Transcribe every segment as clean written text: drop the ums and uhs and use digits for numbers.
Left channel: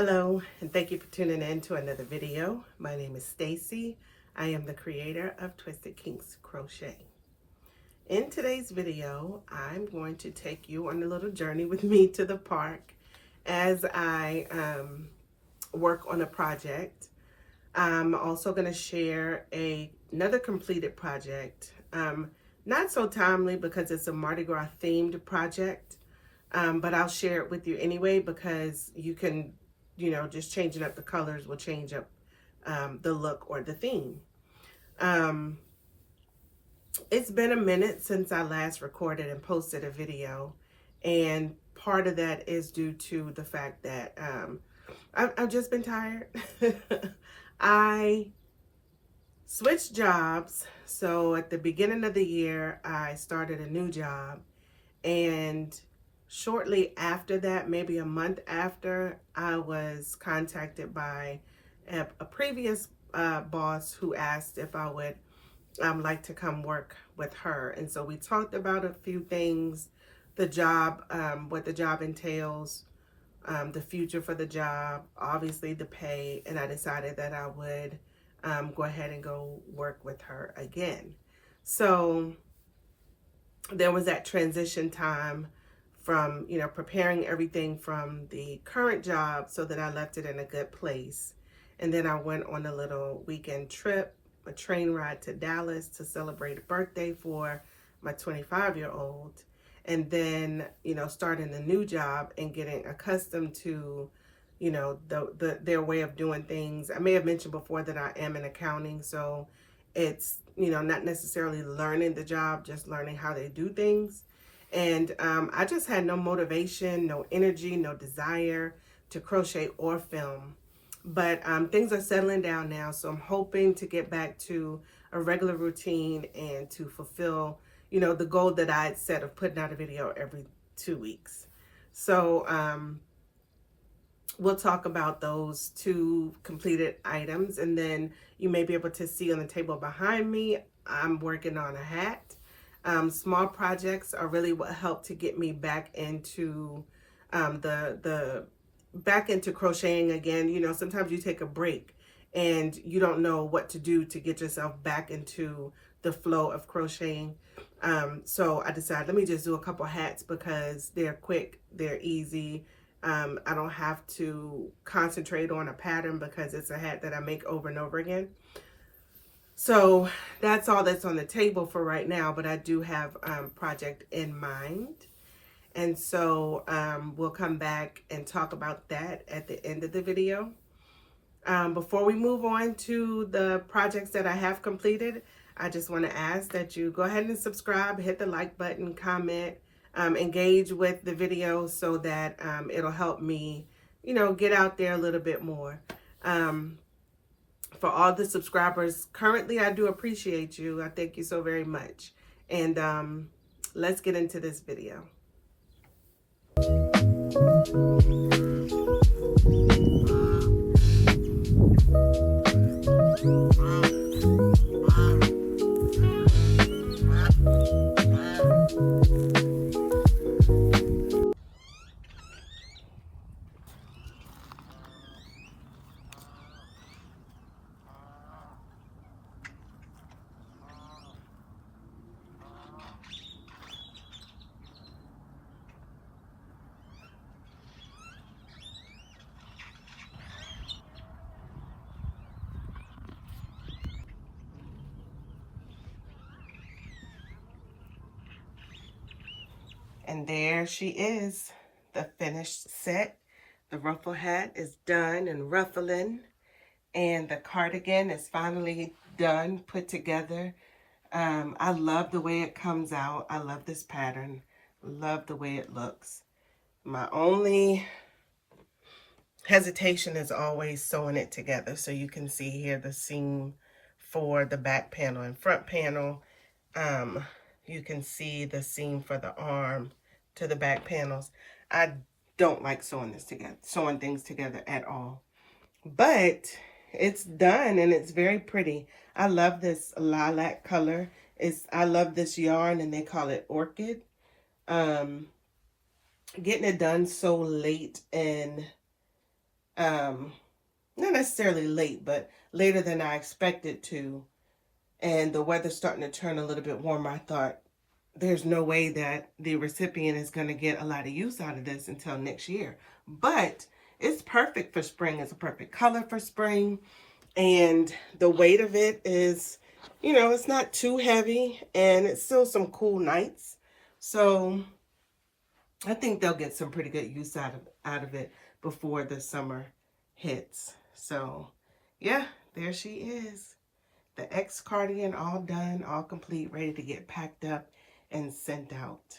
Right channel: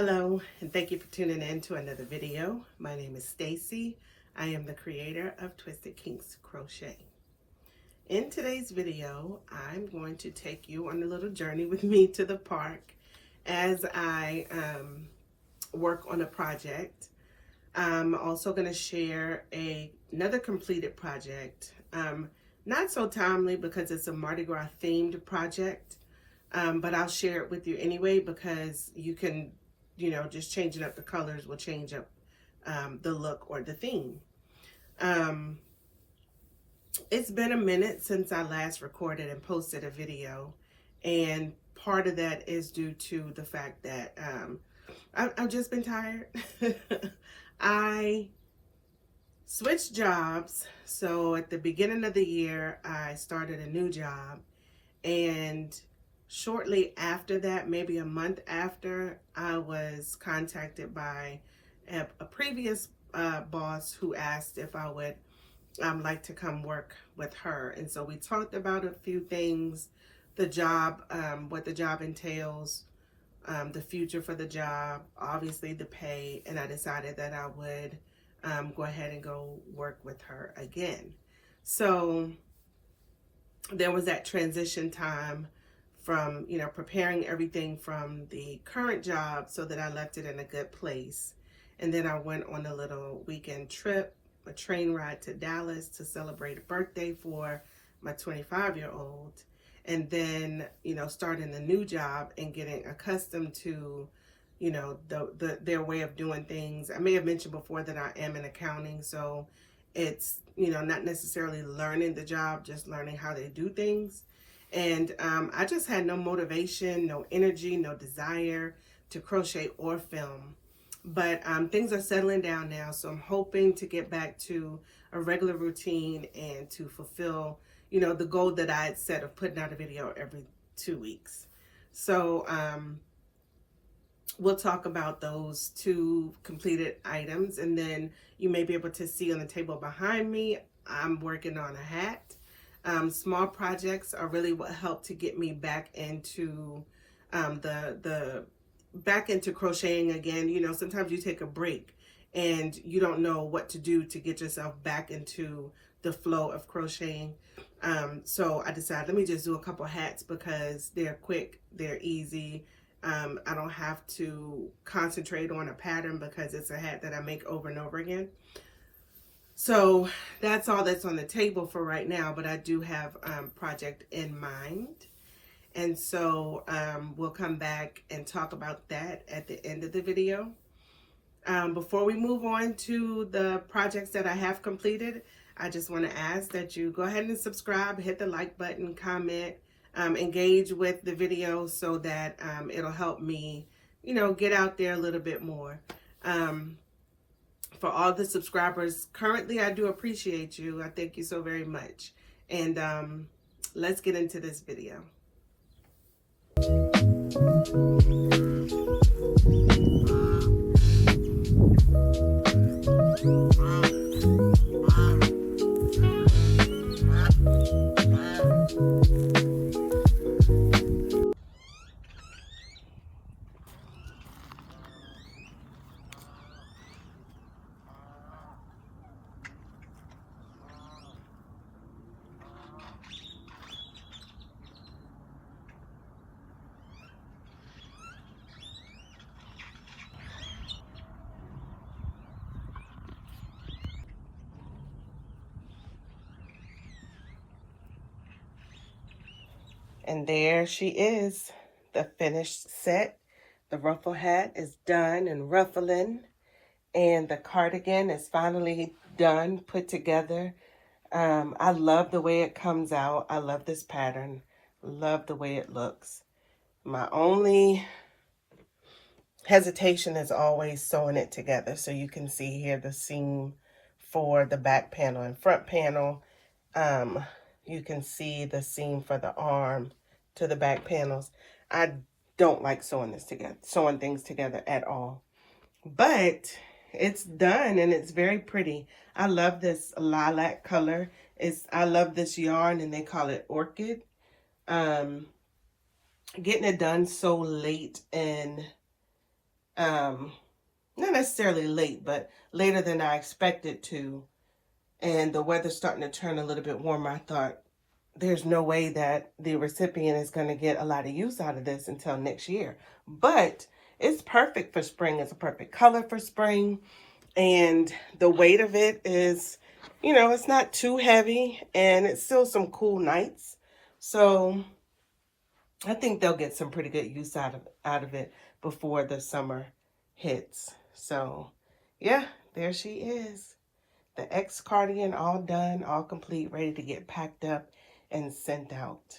Hello, and thank you for tuning in to another video. My name is Stacy. I am the creator of Twisted Kinks Crochet. In today's video, I'm going to take you on a little journey with me to the park as I work on a project. I'm also going to share another completed project. Not so timely because it's a Mardi Gras themed project, but I'll share it with you anyway because you can, just changing up the colors will change up the look or the theme. It's been a minute since I last recorded and posted a video, and part of that is due to the fact that I've just been tired. I switched jobs. So at the beginning of the year, I started a new job, and shortly after that, maybe a month after, I was contacted by a previous boss who asked if I would like to come work with her. And so we talked about a few things, the job, what the job entails, the future for the job, obviously the pay, and I decided that I would go ahead and go work with her again. So there was that transition time from, preparing everything from the current job so that I left it in a good place. And then I went on a little weekend trip, a train ride to Dallas to celebrate a birthday for my 25-year-old. And then, starting a new job and getting accustomed to, their way of doing things. I may have mentioned before that I am in accounting, so it's, not necessarily learning the job, just learning how they do things. And I just had no motivation, no energy, no desire to crochet or film. But things are settling down now, so I'm hoping to get back to a regular routine and to fulfill, the goal that I had set of putting out a video every 2 weeks. So we'll talk about those two completed items, and then you may be able to see on the table behind me, I'm working on a hat. Small projects are really what help to get me back into back into crocheting again. Sometimes you take a break and you don't know what to do to get yourself back into the flow of crocheting. So I decided, let me just do a couple hats because they're quick, they're easy. I don't have to concentrate on a pattern because it's a hat that I make over and over again. So that's all that's on the table for right now, but I do have a project in mind. And so we'll come back and talk about that at the end of the video. Before we move on to the projects that I have completed, I just want to ask that you go ahead and subscribe, hit the like button, comment, engage with the video so that it'll help me, get out there a little bit more. For all the subscribers currently, I do appreciate you. I thank you so very much. And let's get into this video. And there she is, the finished set. The ruffle hat is done and ruffling, and the cardigan is finally done, put together. I love the way it comes out. I love this pattern. Love the way it looks. My only hesitation is always sewing it together. So you can see here the seam for the back panel and front panel. You can see the seam for the arm to the back panels. I don't like sewing things together at all. But it's done and it's very pretty. I love this lilac color. I love this yarn, and they call it orchid. Getting it done so late in not necessarily late, but later than I expected to. And the weather's starting to turn a little bit warmer. I thought there's no way that the recipient is going to get a lot of use out of this until next year. But it's perfect for spring. It's a perfect color for spring. And the weight of it is, you know, it's not too heavy, and it's still some cool nights. So I think they'll get some pretty good use out of it before the summer hits. So yeah, there she is. The X cardigan all done, all complete, ready to get packed up and sent out.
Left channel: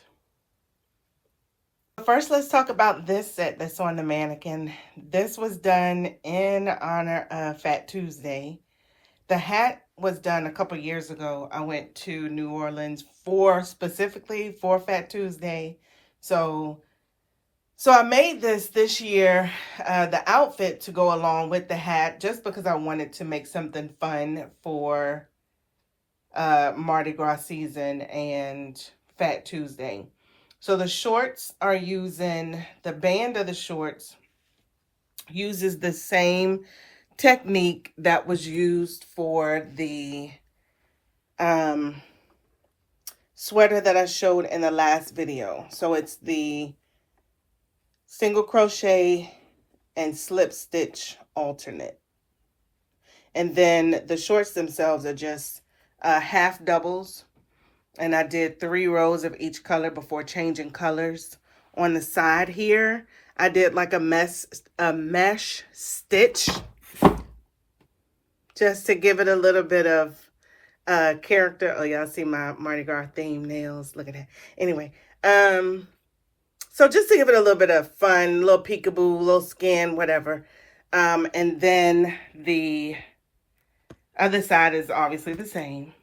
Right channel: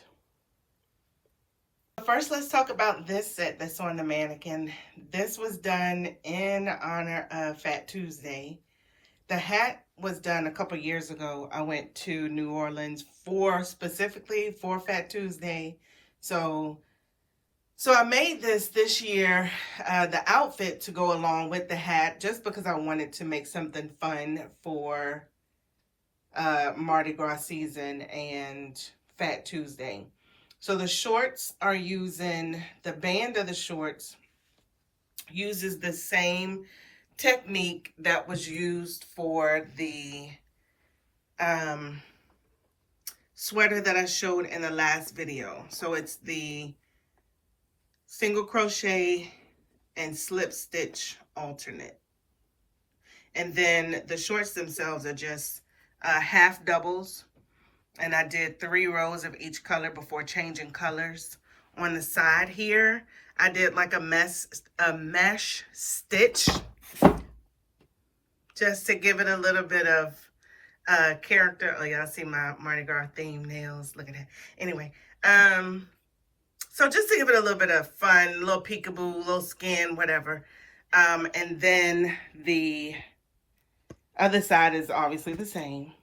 First, let's talk about this set that's on the mannequin. This was done in honor of Fat Tuesday. The hat was done a couple years ago. I went to New Orleans specifically for Fat Tuesday. So I made this year, the outfit to go along with the hat, just because I wanted to make something fun for Mardi Gras season and Fat Tuesday. So the shorts are using, the band of the shorts uses the same technique that was used for the sweater that I showed in the last video. So it's the single crochet and slip stitch alternate. And then the shorts themselves are just half doubles. And I did 3 rows of each color before changing colors. On the side here, I did like a mesh stitch, just to give it a little bit of character. Oh, y'all see my Mardi Gras theme nails. Look at that. Anyway, so just to give it a little bit of fun, a little peekaboo, a little skin, whatever. And then the other side is obviously the same.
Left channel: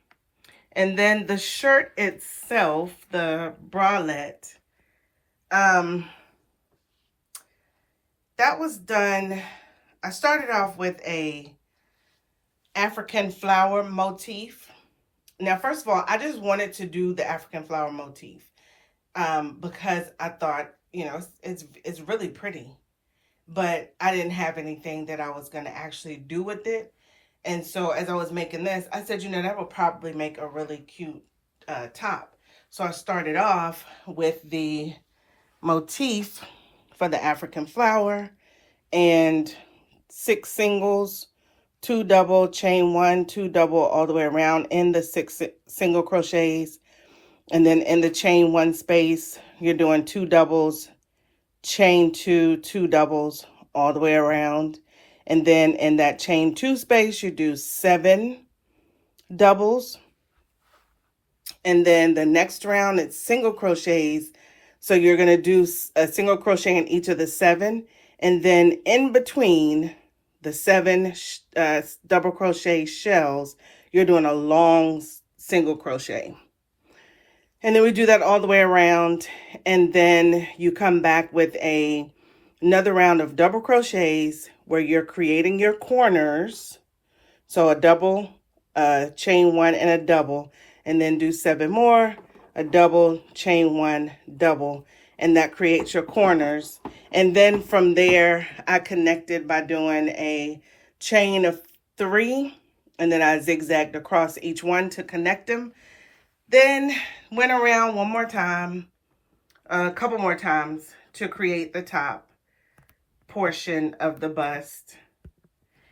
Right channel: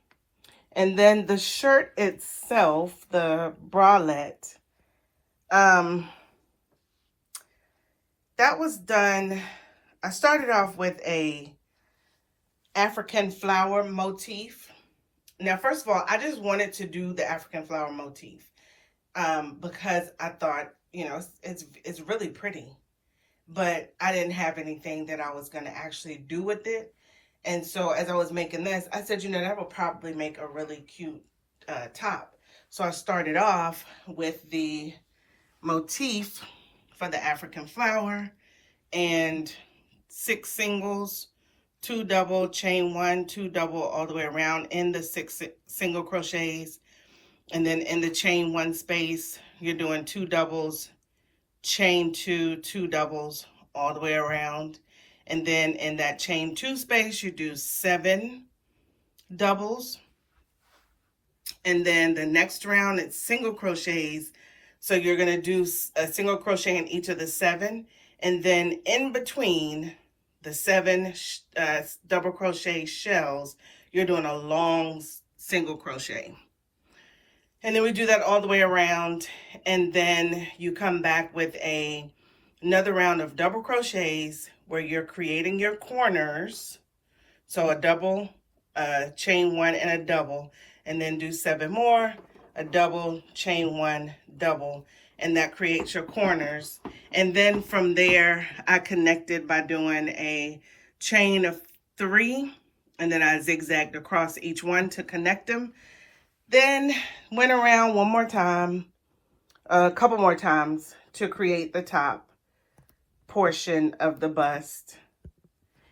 And then the shirt itself, the bralette, that was done, I started off with a African flower motif. Now, first of all, I just wanted to do the African flower motif because I thought, you know, it's really pretty. But I didn't have anything that I was going to actually do with it. And so as I was making this, I said, you know, that will probably make a really cute top. So I started off with the motif for the African flower and 6 singles, 2 double, chain 1, 2 double all the way around in the 6 single crochets. And then in the chain 1 space, you're doing 2 doubles, chain 2, 2 doubles all the way around. And then in that chain 2 space, you do 7 doubles. And then the next round, it's single crochets. So you're going to do a single crochet in each of the 7. And then in between the 7 double crochet shells, you're doing a long single crochet. And then we do that all the way around. And then you come back with another round of double crochets where you're creating your corners. So a double, chain 1 and a double, and then do 7 more, a double, chain 1, double, and that creates your corners. And then from there, I connected by doing a chain of 3, and then I zigzagged across each one to connect them. Then went around one more time, a couple more times to create the top portion of the bust.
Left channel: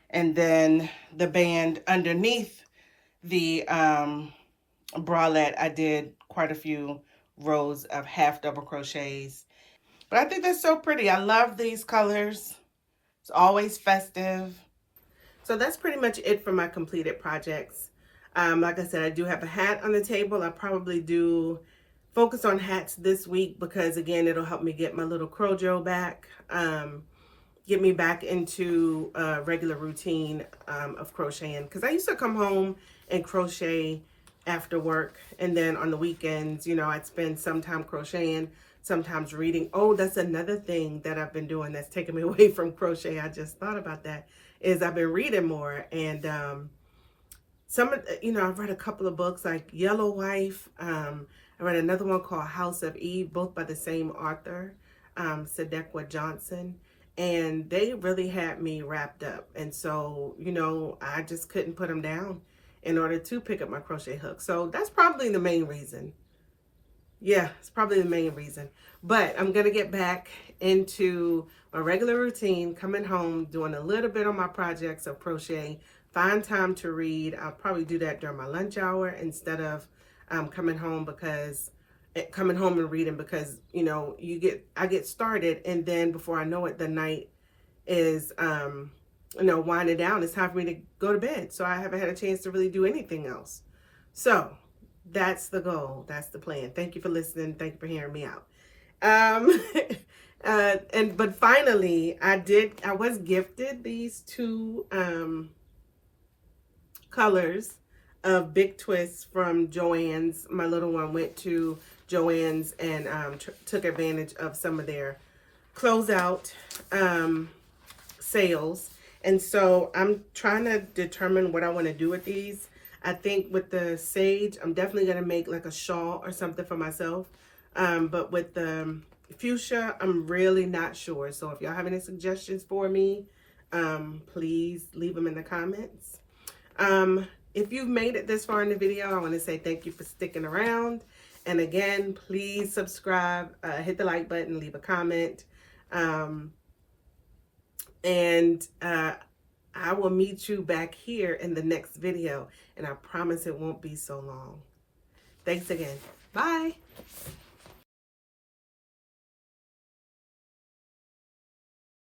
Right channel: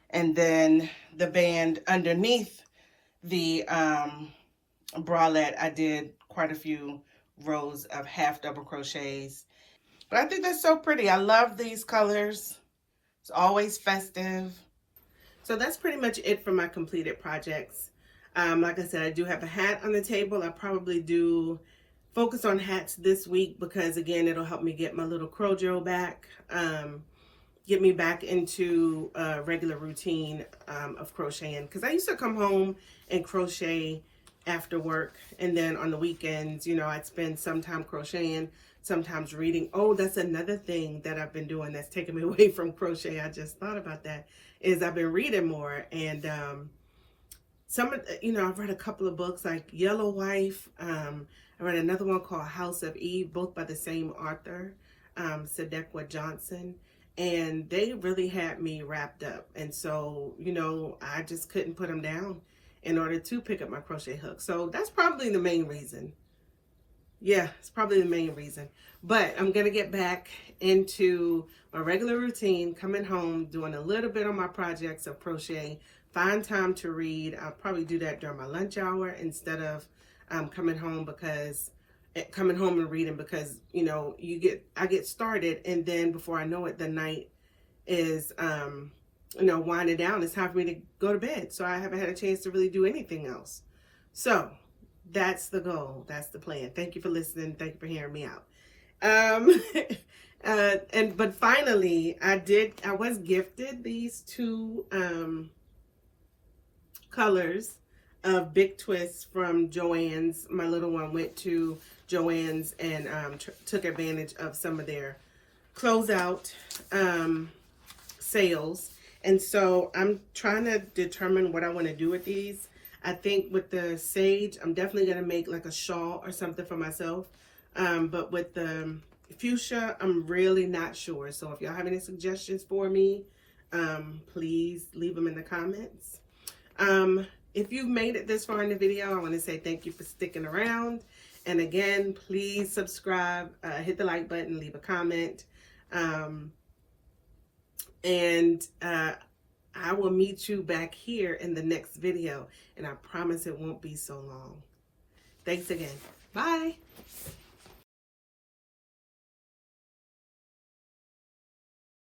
And then the band underneath the bralette, I did quite a few rows of half double crochets. But I think that's so pretty. I love these colors. It's always festive. So that's pretty much it for my completed projects. Like I said, I do have a hat on the table. I probably do focus on hats this week because, again, it'll help me get my little crojo back. Get me back into a regular routine of crocheting. Because I used to come home and crochet after work. And then on the weekends, you know, I'd spend some time crocheting, sometimes reading. Oh, that's another thing that I've been doing that's taken me away from crochet. I just thought about that, is I've been reading more. And I've read a couple of books like Yellow Wife. I read another one called House of Eve, both by the same author, Sadekwa Johnson. and they really had me wrapped up. And so, you know, I just couldn't put them down in order to pick up my crochet hook. So that's probably the main reason. Yeah, it's probably the main reason. But I'm going to get back into my regular routine, coming home, doing a little bit on my projects of crochet, find time to read. I'll probably do that during my lunch hour instead of coming home and reading, because, you know, I get started, and then before I know it, the night is, you know, winding down. It's time for me to go to bed. So I haven't had a chance to really do anything else. So that's the goal. That's the plan. Thank you for listening. Thank you for hearing me out. But finally, I was gifted these two colors of Big Twists from Joann's. My little one went to Joann's and took advantage of some of their closeout sales. And so I'm trying to determine what I want to do with these. I think with the sage, I'm definitely going to make like a shawl or something for myself. But with the fuchsia, I'm really not sure. So if y'all have any suggestions for me, please leave them in the comments. If you've made it this far in the video, I want to say thank you for sticking around. And again, please subscribe, hit the like button, leave a comment. I will meet you back here in the next video, and I promise it won't be so long. Thanks again. Bye.